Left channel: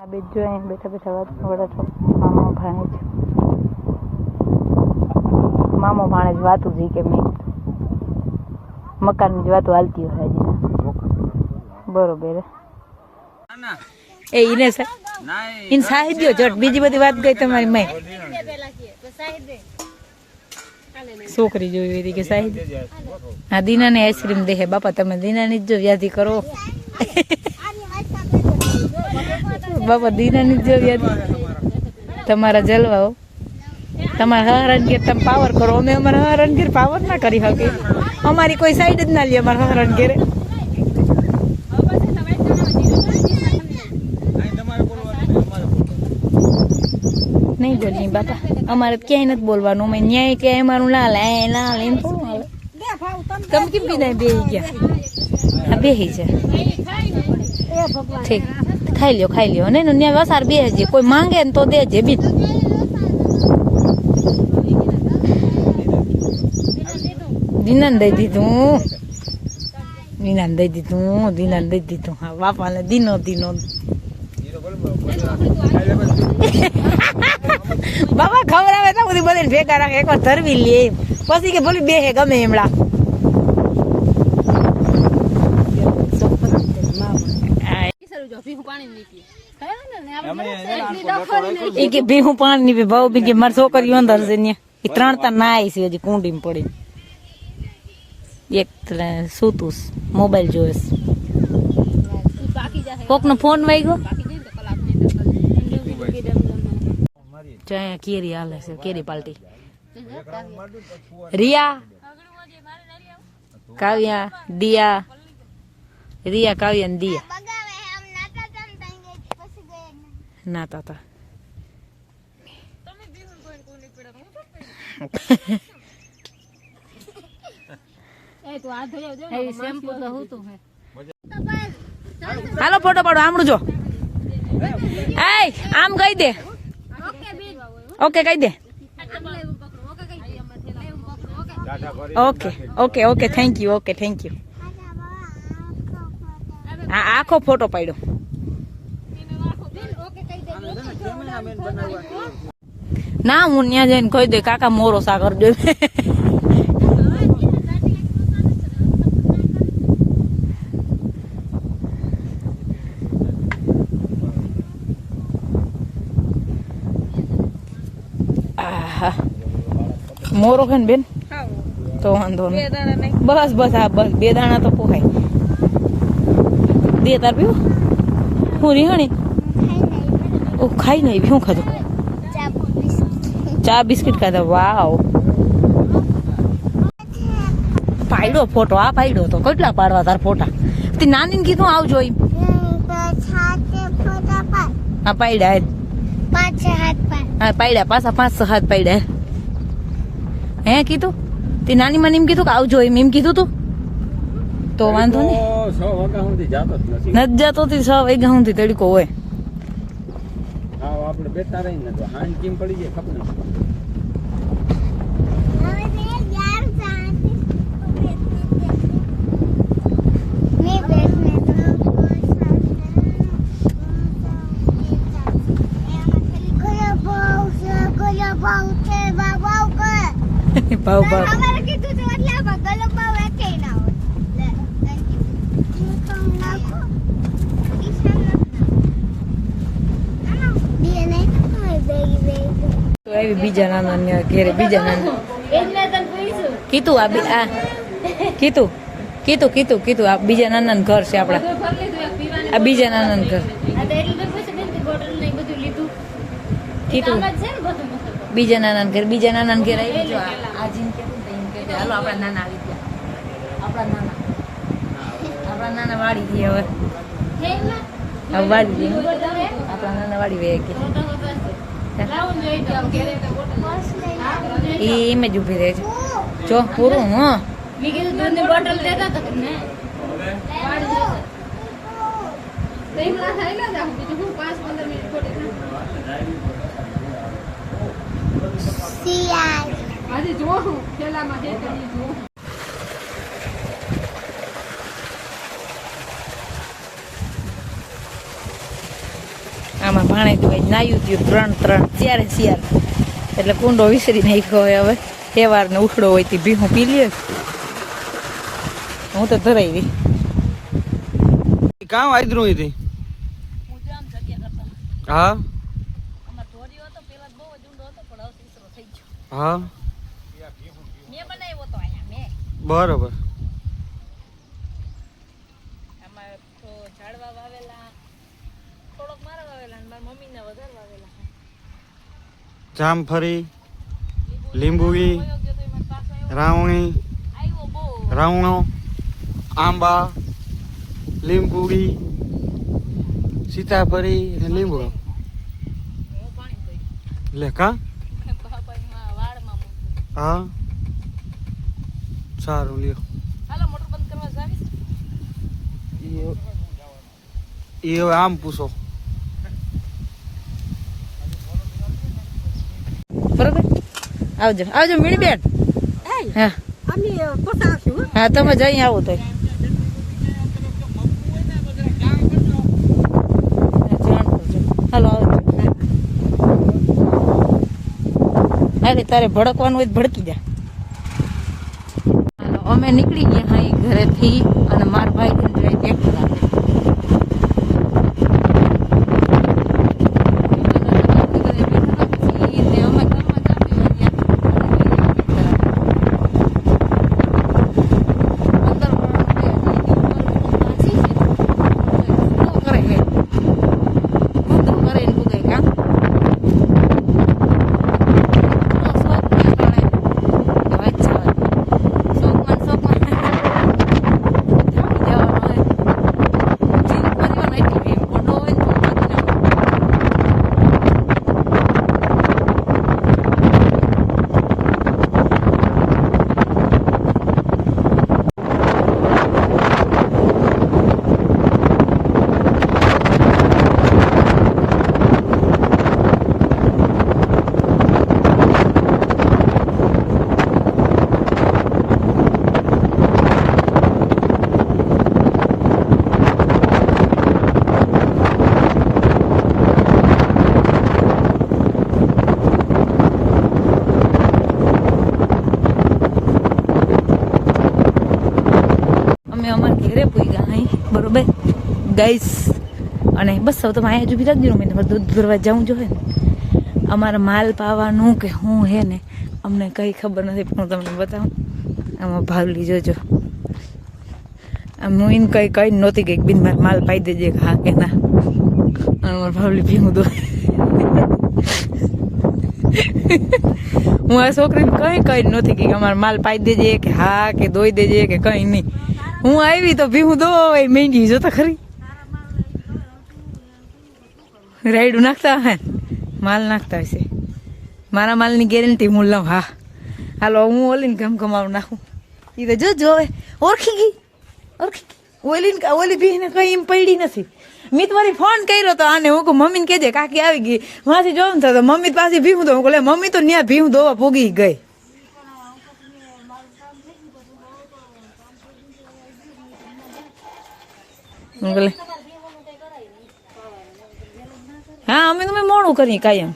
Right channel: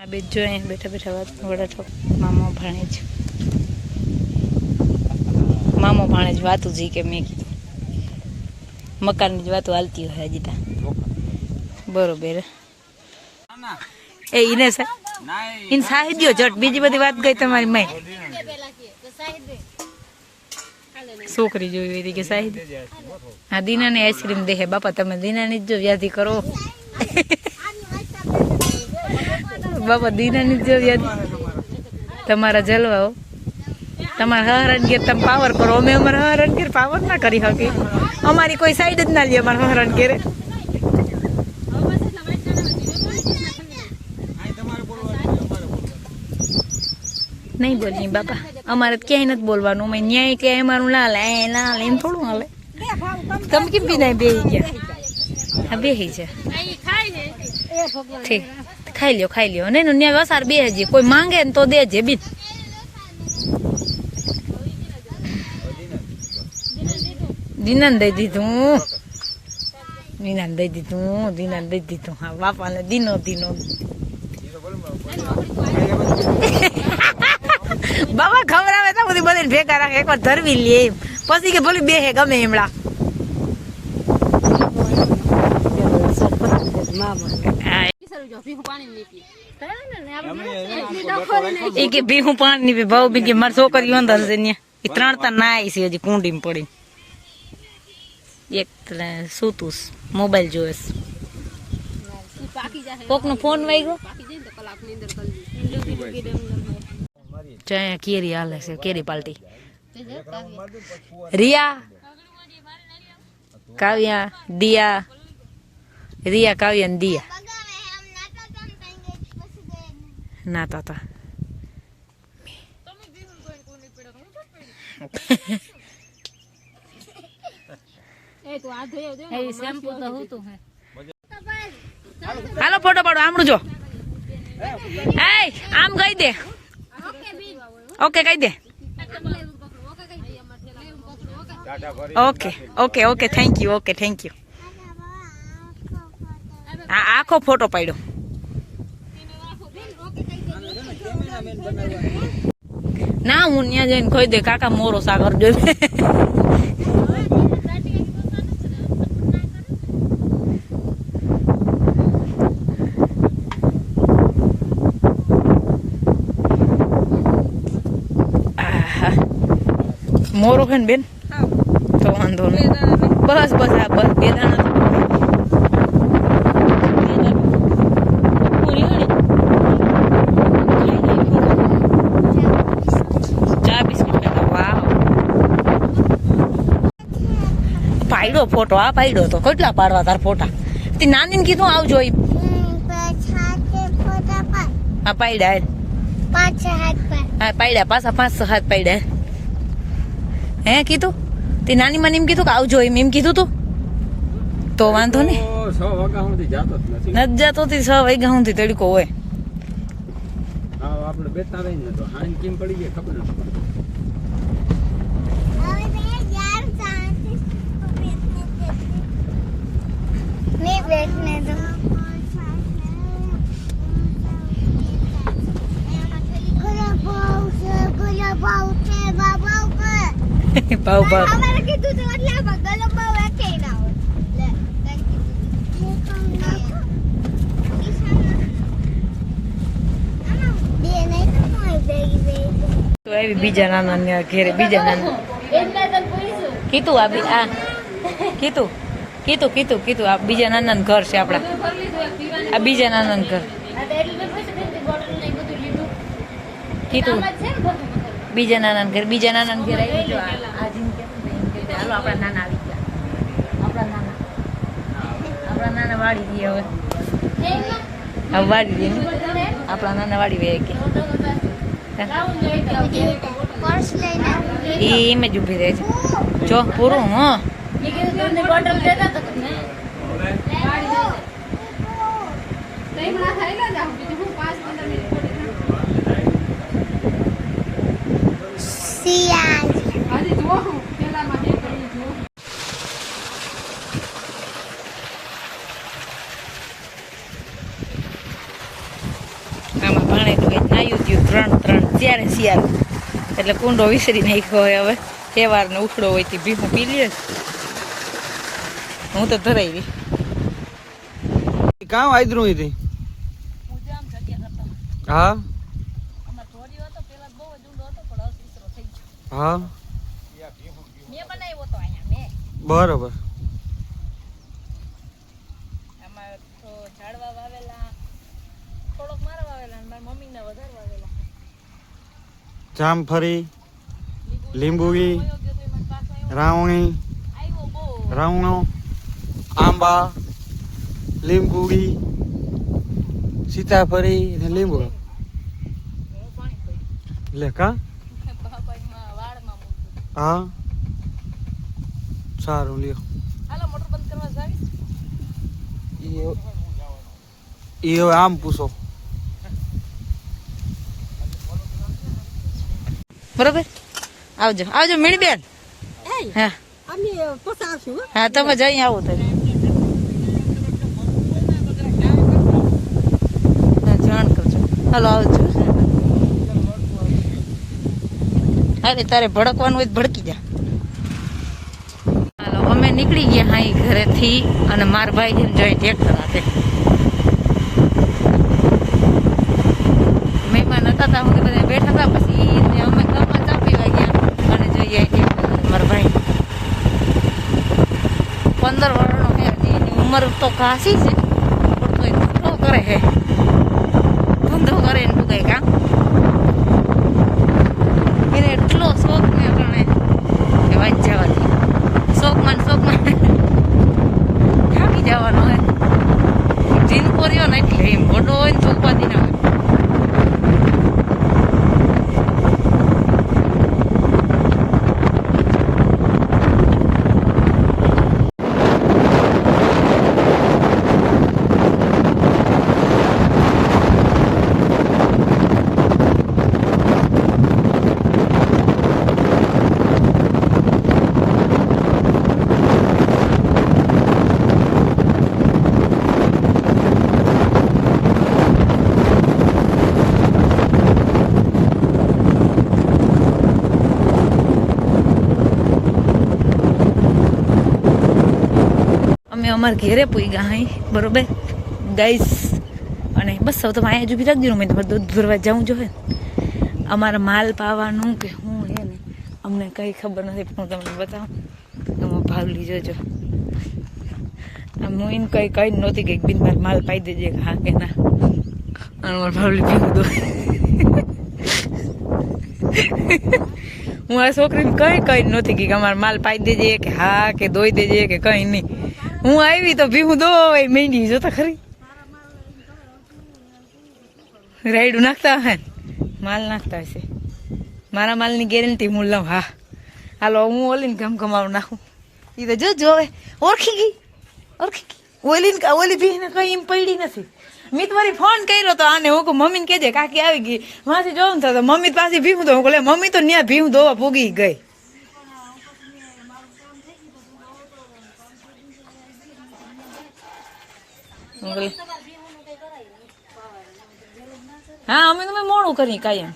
આ બે જો અહીંયા બેઠા બેઠા વાત વડા મામા ભાણેજ વાતું જી કે મેં કીધું મકાનની જ વાતો હાલતી હોય હજી ત્યાં બરોબર એ ઈને ઇન સાહિદ્યો જટ બીજી બધી વાત ગઈ તમારી માય છોકરી જોઈ હતી કે સાહિદ હા દીનાને આઈસ્ક્રીમ દેખે બાપા તમે દીનાની જ જો યાદી કરો બાપા દીનાની જ જો યાદી તમારા જલવાઓ તમારા હરણ ઘેર તમે પાવર કરો અમે અમારા હરણ ઘેર પાવર ના કરી શકી અમારી કોઈ સાઈડ જ ના લે અમારા હરણ ઘેરે નહીં બોલની બાપા અમારે ક્યાંય નથી બોલવાનું અમે ન્યાય ક્યાંય અમારું લાલ એમ થોડું હાલે તમે કેમ બી નહીં બેહી ગયા હા બેહી છે ઠીક ખાઈ લ્યો નહીં ન્યાય વસાર બેહજે કોઈ માંગે ને તો દેજે બી દીનાને દઈ દીધું હા બાપાને દીનો બાબા ખવડાવે તો બધી બધી ભેગા રાખે એક વાર ધરવી લે એમ પછી કે ભલે બેહે ગમે એમડા એ કે ભીહું પાણી નહીં પી ભાવ બીજી મારી છોકરીઓ અંદર છે ને એ 3 તા નાય છે હજી કુંડીમાં પડી એક સૂતું મોબાઈલ જોવે કોક નો ફોન વાગ્યો કેરી હાલે છે કેરી પાલટી રિયા કાવ્યા દિયા કાવ્યા ને દિયા નાતા તા હાલો ફોટો પાડો આમણું જો આમ કહી દે ઓકે કહી દે ઓકે થેન્ક યુ આખો ફોટો પાડ્યો ના હું ત્યાં જઈને કહી દે કાકા મોરો સાગર જોઈ મોરો છે ને બેન તો વાંધો નહીં બસ આ બસ 2 દાણા તો પૂરે 2 દાર પીવું પૂરી હણી ખાઈ નહીં શું ખાધું ચા બિસ્કિટ ખાધા વાવ પાડ્યો ફોટો આ પાડ્યો તો કેટલા પાડવા તાર ફોટા તે નાનીને કીધું આવજો એમ હા પાડ્યા 5 હાથ હા પાડ્યા પાછા 5 હાથ પાડ્યા હે કીધું તે નાની મને એમ કીધું કે આવજો એમ કીધું તું તો વાંધો નહીં 6 વાગ્યા સુધી જાતો જ નથી જાતો 6 વાગ્યા સુધી તડકો હોય હા આપણે બેઠા રહીને તો હાંજ કેમ પડી જાય ખબર ભાવ તો આવી બીજા નાના ઘેરે બીજા નાના કીધું આ કીધું આ બીજા નાના ઘર છે આપડા આ બીજા નાના ઘર કીધું બીજા નાના ઘર આવી જો આ જીન કે હાલો આપણા નાના આવી ગયા આપણા નાના વાડી દઈએ હવે વાડી દઈએ આપણા નાના વાડી વે કે એમ જ ઉભી રહે છે જો પૂરું આમાં ભાણેજનું નાયું થયું 3 4 એટલે કુંડો વિસરી નાખ્યો હોય. હવે તહેવારનો ઉખડો હોય તે ભીહું પી લે. હું તો ધરાઈ રહી કામ આદરું હતી. હા હા બરોબર. ઝાડવા વાવેલા થોડોક મારા વાવેલા અને મારા મમ્મીના વધારે વાવેલા. જામફળી, લીંબુડી, રાવણી, રાવણો, આંબા, લીંબુડી, સીતાફળી અને લીંબુ. લે કા હા સારું લ્યો. હાલો મોટર બંધ કરવા જાવી. એ હવે આમ પૂછો. બરોબર આવજો આવજો મીણીબેન. હા અમે પછી આવશું. હા તમે જઈ આવો તો જાણ કરજો. હાલો આવજો. અરે તારે ભડકવાનું હોય તો ભડકી જા. હાલો અમે નીકળી ગયા હા ઘરેથી અને મારા ભાઈ જેમ જોઈ ટ્રેક્ટર આપે. મહેમાન હતા તા અમે બધા બેઠા હતા. પછી અમે ગામમાં ચા પીવા ગયા અને જોઈએ ટ્રેક્ટર મારા ભાઈ 15 વર્ષનો એની ઉંમર તો કાશી છે પણ ધંધો કરે છે. ધંધો કરે ને તું કઈ કામ એટલો શોખ ને ગણે કે વાત જવાથી. શોખમાં થાકી જવાનો હોય. જીન કર્યો ને એટલે એમ મોટો હોય ને ચોપાતી ના હોય. અમારે ઘેરે પૂગ્યા હાઈ બરોબર ગાઈસ. અને બસ હવે તમે અહીંયા જ ઊભી રાખજો. મેં તમારે દૂધ ભરવા જવું જોઈએ. અમારે માલ પાવાનું કે હું હે ને અમને કંઈ ખબર નથી પણ હું તમને બતાવું. આમાં ભાવલી જોજો. હું એને કઈ નહોતી કે બિન મારે માલ પાઈ દેજે હા કે ના. અને મારે ભાવલી પીવું દો. હું આ છોકરીને કઈ નહોતી કે અમારે માલ પાઈ દેજે કે હા કે દોઈ દેજે કે કઈ નહીં. હું આવી તો ભીહું દો મહેંગી જોતા ખરી. રાયડું નાખતા હે માલ નાખતા હશે. મારા માલની ગેરંટી હું લઉં. હા હાલો હું ઓલીને ગમગમાવું નાખું. એ તો જો હવે ઓળખી ગઈ. ઓલી ભીને કઈ એમ પડી નથી. મેં તમારી ફોન કર્યો તો આને હું મમ્મીને કહેજે કાકી આવી ગઈ. માથી જોઉં તો મમ્મી પાસે ભીહું દો. મમ્મી તો ત્યાં ભીહું દોવા પૂગી ગઈ. હા અમે તમે મોડું કરી કાયમ.